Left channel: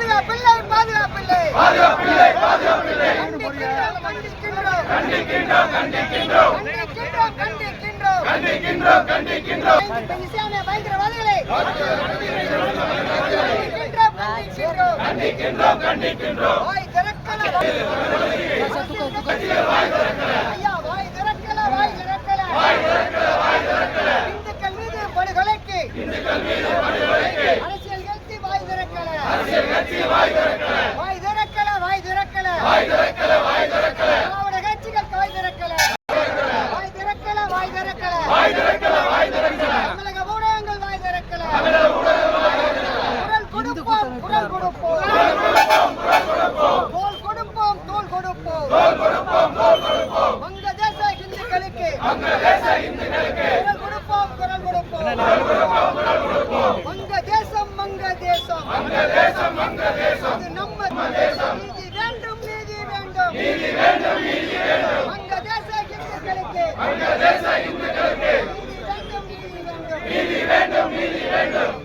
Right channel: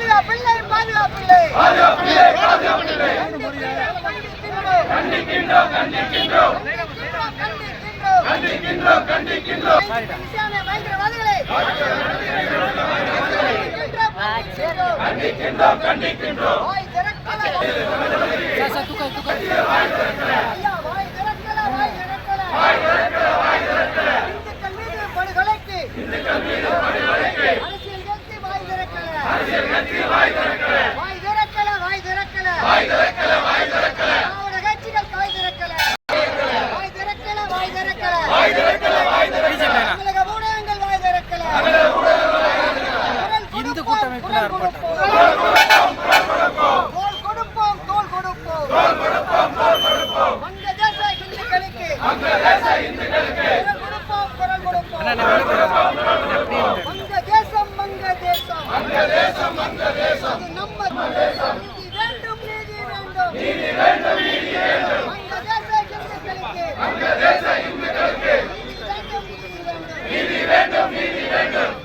பாதுகாப்பில்லை பாதுகாப்பில்லை பாதுகாப்பில்லை பாதுகாப்பில்லை கண்டிக்கின்றோம் கண்டிக்கின்றோம் கண்டிக்கின்றோம் கண்டிக்கின்றோம் கண்டிக்கின்றோம் கண்டிக்கின்றோம் இஸ்லாமிய பயங்கரவாதிகளை கண்டிக்கின்றோம் கண்டிக்கின்றோம் வாய் திறக்கல வாய் திறக்கல வாய் திறக்கல இந்துக்கள் மீது படுகொலைக்கு அரசியல் கட்சி வாய் திறக்கல வாய் திறக்கல திராவிட கட்சிகள் வாய் திறக்கல தமிழக ஊடகங்கள் வாய் திறக்கல குரல் கொடுப்போம் தோல் கொடுப்போம் வங்கதேச இந்துக்களுக்கு குரல் கொடுப்போம் வங்கதேசம் அது நம்ம நீதி வேண்டும் வங்கதேச இந்துக்களுக்கு நீதி வேண்டும்